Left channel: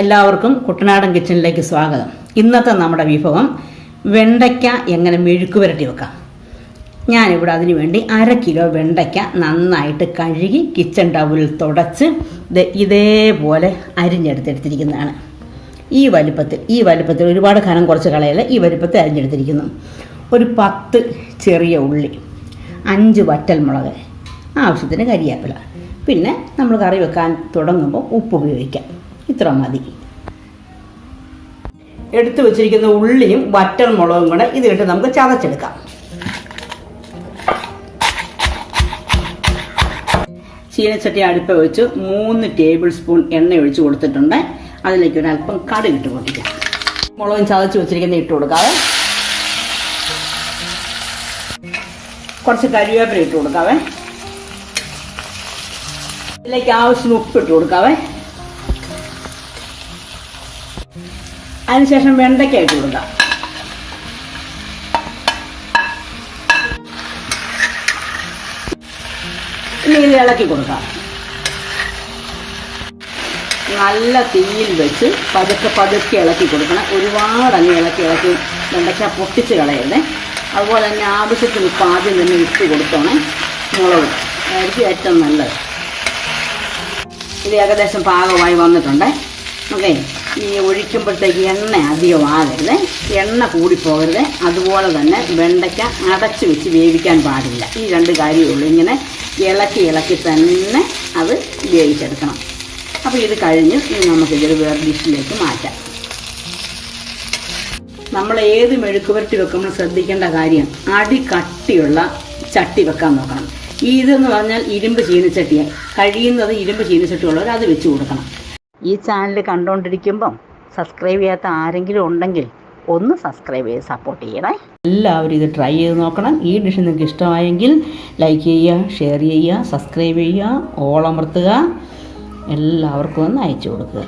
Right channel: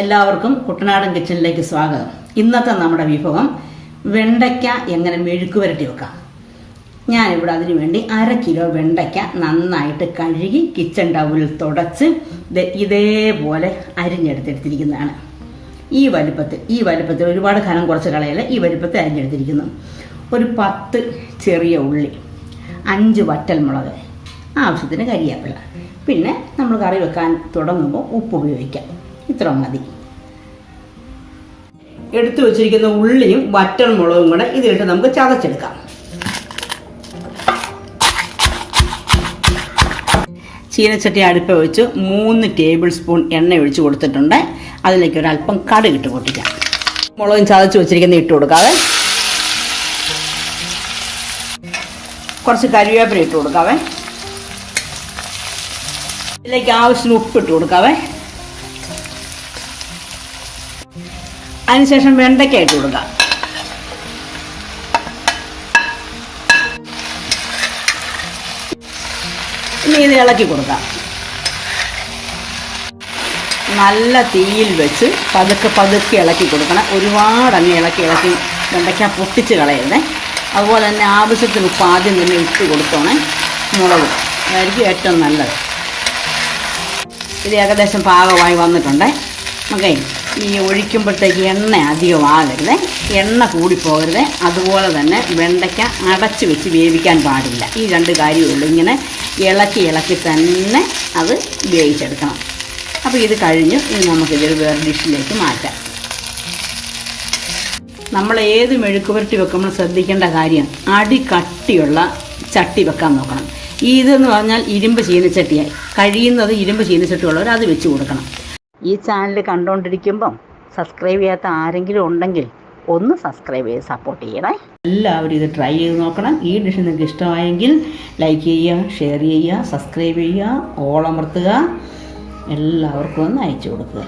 എല്ലാവർക്കും കുട്ടനാടൻ കിച്ചണിലേക്ക് സ്വാഗതം. ഇന്നത്തെ നമ്മുടെ വിഭവം വെണ്ടയ്ക്ക എങ്ങനെ മെഴുക്ക് പുരട്ടി വെക്കാം. ഞാനിവിടെ അതിനു വേണ്ടി അര കിലോ വെണ്ടയ്ക്ക നന്നായിട്ട് കഴുകി കിച്ചൺ ടവലിൽ തുടച്ച് ഇതേപോലെ അരിഞ്ഞെടുത്തെടുത്തിരിക്കുന്നതാണ്. ഈ വലുപ്പത്തിൽ ഈ വലുപ്പത്തിൽ ഒരുപാട് ഖനം കുറച്ച് കളയല്ല ഈ വലുപ്പത്തിൽ അരിഞ്ഞെടുത്തിരിക്കുന്നു. ഒരു പത്ത് ചെറിയ ഉള്ളി അഞ്ച് വറ്റൽമുളക് ആവശ്യത്തിന് കരിയാപ്പില. പിന്നെ നമ്മൾ കറി വെക്കാൻ തുടങ്ങുമ്പോൾ ഉപ്പ് ഉപയോഗിക്കാം. ഇത്ര മതി. എടുത്തു വെച്ചിരിക്കുന്ന ഉള്ളിയും വറ്റൽ മുളകും കൂടെ ഇതിട്ട് നമുക്ക് ചതച്ചെടുക്കാം. ചീനച്ചട്ടി അടുപ്പ് വെച്ച്. മൂന്ന് ടേബിൾ സ്പൂൺ എണ്ണ ഒഴിച്ചു കൊടുത്തിട്ടുണ്ട്. അതിലേക്ക് ഒരല്പം അല്പം കടുക് ഇട്ട് പൊട്ടിക്കാം. മുളകും ചതച്ച് വെച്ചിരിക്കുന്ന ഇട്ട് കൊടുക്കാവേ. കുറച്ച് കരിവേപ്പില ഇട്ട് കൊടുക്കാവേ. ഇതിലേക്ക് ആവശ്യത്തിന് ഉപ്പ് ഇട്ട് കൊടുക്കാവേ. അതിനുശേഷം വെണ്ടയ്ക്ക ഇട്ട് കൊടുക്കാം. ഇനി ഇത് ഇളക്കി കൊടുക്കാം. നല്ല തീയിൽ വെച്ച് പതുക്കെ പതുക്കെ ഇളക്കി കൊടുക്കണം. ഒരുപാട് അങ്ങ് ഇളക്കി ഇളക്കി വെണ്ടയ്ക്ക പൊട്ടിച്ച് കളയരുതേ. അതുപോലെ തന്നെ ആവശ്യത്തിന് ഉപ്പ് ആദ്യം തന്നെ ഇട്ട് കൊടുത്തോണേ മുളക് അതായിരിക്കും ഏറ്റവും നല്ലത്. ഇത് ഏകദേശം പാകമായി വന്നിട്ടുണ്ട്. ഓക്കെ. ഈ ഒഴിക്കുമ്പോഴത്തേക്ക് എണ്ണ അധികമാകരുത് എണ്ണ കൂടിപ്പോകരുത്. അതുപോലെ തന്നെ വെണ്ടയ്ക്ക അടച്ച് വെച്ച് വേവിക്കാൻ പാടില്ല. ഈ രണ്ട് കാര്യമുള്ളൂ ഇങ്ങനെ ഇളക്കി ഇളക്കി തന്നെ അത് വേവിച്ചെടുക്കണം. അപ്പോൾ ഇത് കഴിഞ്ഞ് നമുക്കിതൊരു വേറെ ഡിഷിലേക്ക് മാറ്റാം. നമ്മൾ ഏത് മെഴുക്കുപുരട്ടി വെക്കുമ്പോൾ ശ്രദ്ധിക്കേണ്ട കാര്യം അടി കട്ടിയുള്ള ചട്ടി വെക്കാൻ നോക്കണം. ഇതെന്ന് പറഞ്ഞാൽ ഇരുമ്പ് ചീനച്ചട്ടിയാണ്. കഴിയുന്നത് ഇരുമ്പ് ചീനച്ചട്ടി ഉള്ളവർ അത് വെച്ച് കൊടുക്കണം. ഈ ചാനൽ കണ്ടുകൊണ്ടിരിക്കുമ്പം സബ്സ്ക്രൈബ് ചെയ്യാത്ത ആരെങ്കിലും ഉണ്ടെങ്കിൽ ഒന്ന് സബ്സ്ക്രൈബ് ചെയ്ത് സപ്പോർട്ട് ചെയ്യണേ. എല്ലാവരും ഇത് ട്രൈ ചെയ്ത് നോക്കണം. ഈ ഡിഷ് നിങ്ങൾക്ക് ഇഷ്ടമായെങ്കിൽ ലൈക്ക് ചെയ്യുക ഷെയർ ചെയ്യുക സബ്സ്ക്രൈബ് ചെയ്യുക ഓൾ എല്ലാവർക്കും ഒന്ന് അയച്ചു കൊടുക്കുക.